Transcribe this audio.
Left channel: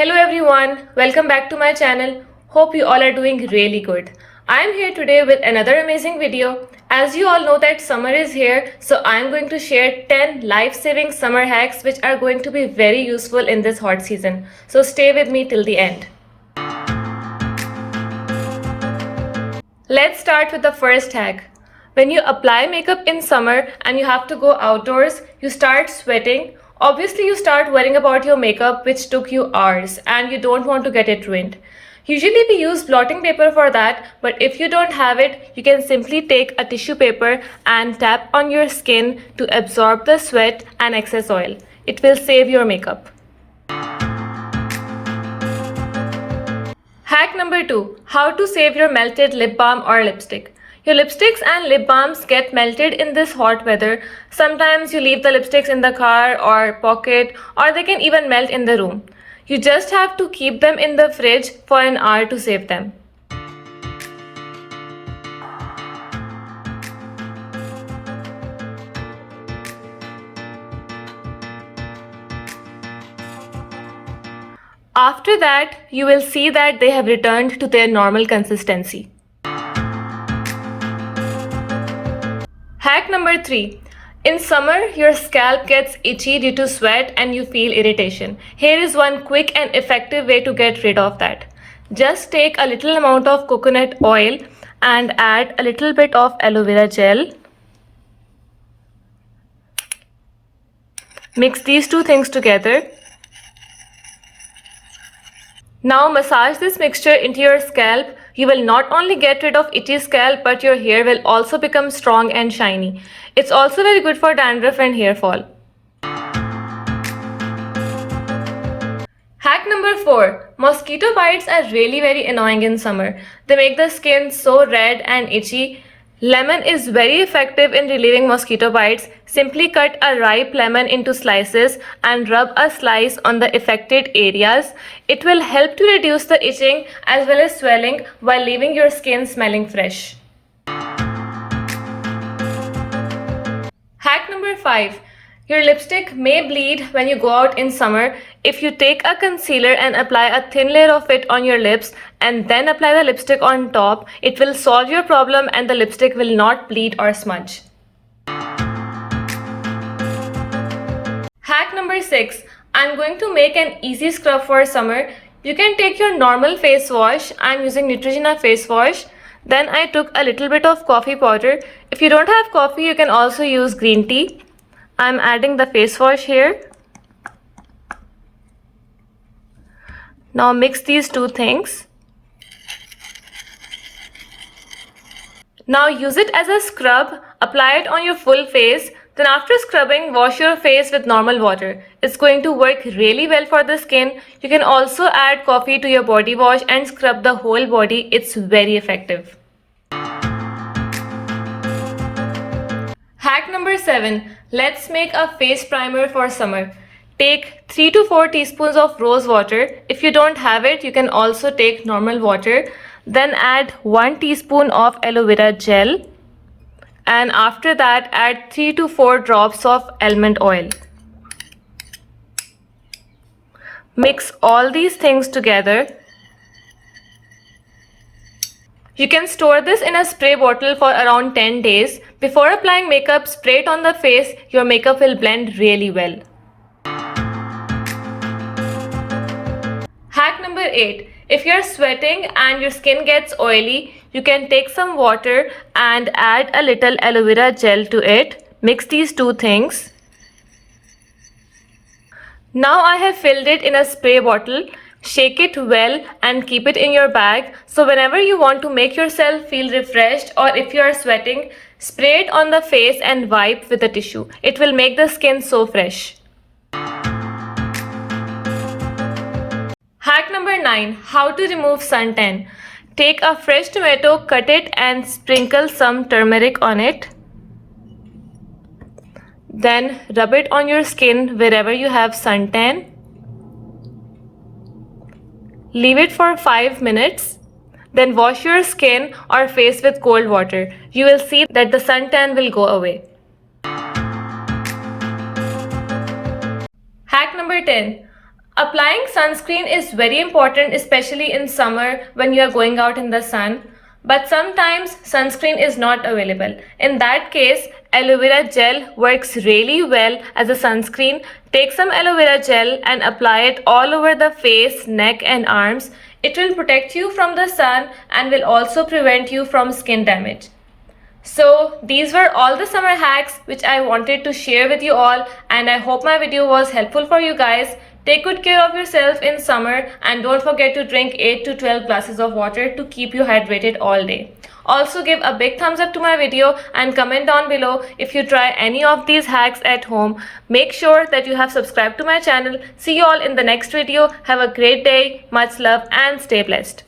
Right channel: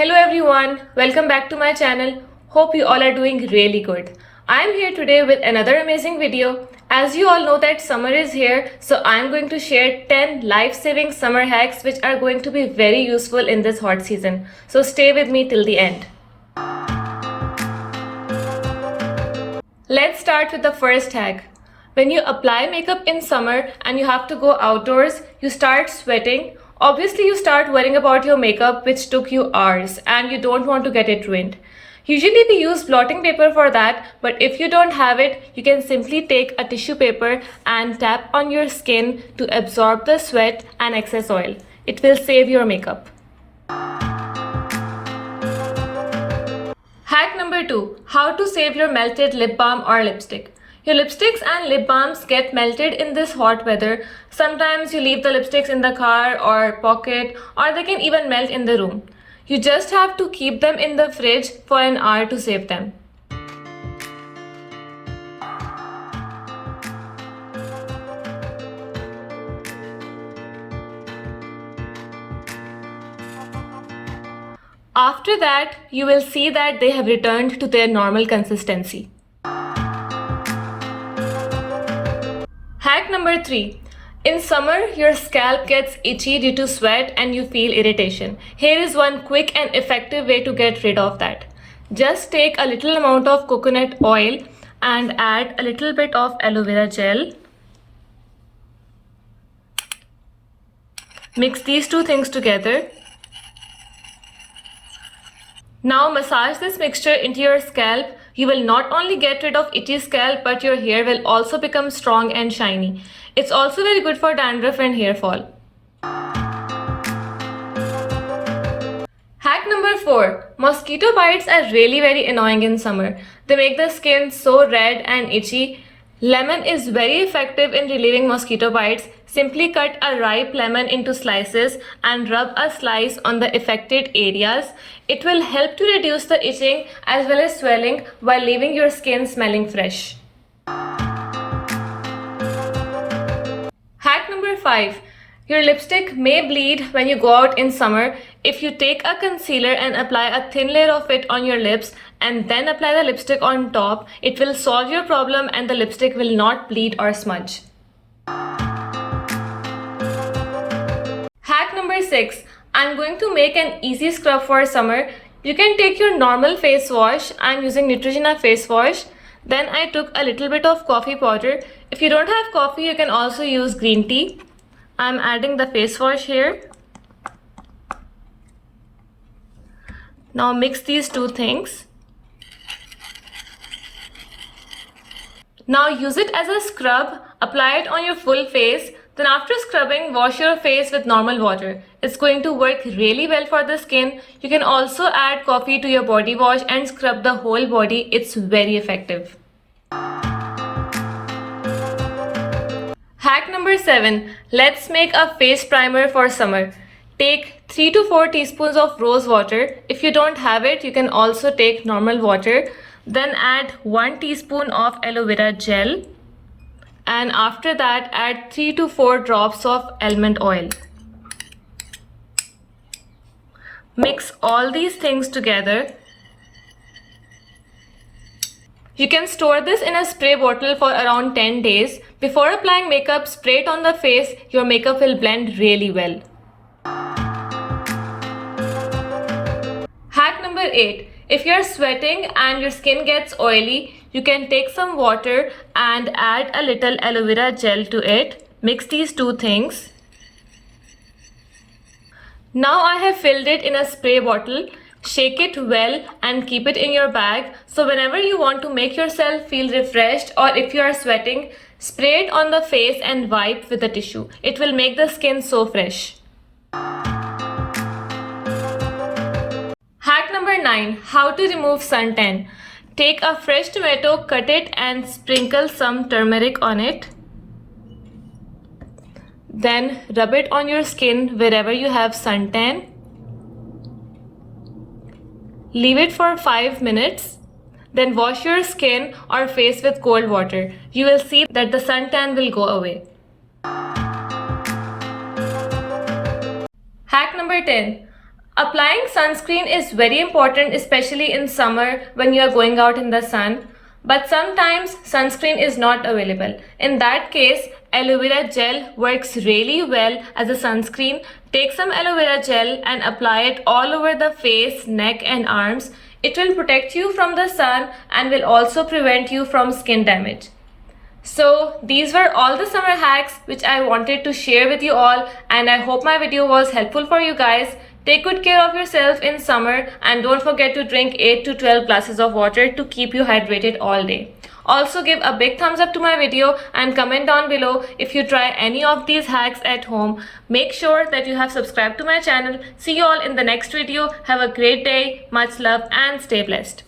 Hello everyone, welcome back to my channel. Hope you all are doing really good. I am here today with another amazing video. As you all know that summer is here, so I am going to share 10 life-saving summer hacks which are going to be very useful in this hot season. So stay with me till the end. Let's start with the first hack. When you apply makeup in summer and you have to go outdoors, you start sweating. Obviously, you start worrying about your makeup, which took you hours, and you don't want to get it ruined. Usually, we use blotting paper for that, but if you don't have it, you can simply take a tissue paper and tap on your skin to absorb the sweat and excess oil. It will save your makeup. Hack number 2. How to save your melted lip balm or lipstick. Your lipsticks and lip balms get melted in this hot weather. Sometimes you leave the lipsticks in the car or pocket, or they can even melt in the room. You just have to keep them in the fridge for an hour to save them. After that, you will see that they have returned to their normal consistency. Hack number 3. In summer, your scalp gets itchy due to sweat and you feel irritation. Here is one quick and effective way to get rid of that. Just take a little amount of coconut oil and add a little bit of aloe vera gel. Mix these two things together. Now massage this mixture into your scalp. You will not only get rid of itchy scalp, but your hair will also become strong and shiny. It's also very good for dandruff and hair fall. Hack number 4. Mosquito bites are really very annoying in summer. They make the skin so red and itchy. Lemon is very effective in relieving mosquito bites. Simply cut a ripe lemon into slices and rub a slice on the affected areas. It will help to reduce the itching as well as swelling while leaving your skin smelling fresh. Hack number 5. Your lipstick may bleed when you go out in summer. If you take a concealer and apply a thin layer of it on your lips and then apply the lipstick on top, it will solve your problem and the lipstick will not bleed or smudge. Hack number 6. I'm going to make an easy scrub for summer. You can take your normal face wash. I'm using Neutrogena face wash. Then I took a little bit of coffee powder. If you don't have coffee, you can also use green tea. I'm adding the face wash here. Now mix these two things. Now use it as a scrub. Apply it on your full face. Then after scrubbing, wash your face with normal water. It's going to work really well for the skin. You can also add coffee to your body wash and scrub the whole body. It's very effective. Hack number 7. Let's make a face primer for summer. Take 3 to 4 teaspoons of rose water. If you don't have it, you can also take normal water. Then add 1 teaspoon of aloe vera gel. And after that, add 3 to 4 drops of almond oil. Mix all these things together. You can store this in a spray bottle for around 10 days. Before applying makeup, spray it on the face. Your makeup will blend really well. Hack number 8. If you're sweating and your skin gets oily, you can take some water and add a little aloe vera gel to it. Mix these two things. Now I have filled it in a spray bottle. Shake it well and keep it in your bag. So whenever you want to make yourself feel refreshed or if you are sweating, spray it on the face and wipe with a tissue. It will make the skin so fresh. Hack number 9. How to remove suntan. Take a fresh tomato, cut it and sprinkle some turmeric on it. Then rub it on your skin wherever you have suntan. Leave it for 5 minutes. Then wash your skin or face with cold water. You will see that the suntan will go away. Hack number 10. Applying sunscreen is very important, especially in summer when you are going out in the sun. But sometimes sunscreen is not available. In that case, aloe vera gel works really well as a sunscreen. Take some aloe vera gel and apply it all over the face, neck, and arms. It will protect you from the sun and will also prevent you from skin damage. So these were all the summer hacks which I wanted to share with you all, and I hope my video was helpful for you guys. Take good care of yourself in summer and don't forget to drink 8 to 12 glasses of water to keep you hydrated all day. Also give a big thumbs up to my video and comment down below if you try any of these hacks at home. Make sure that you have subscribed to my channel. See you all in the next video. Have a great day, much love and stay blessed.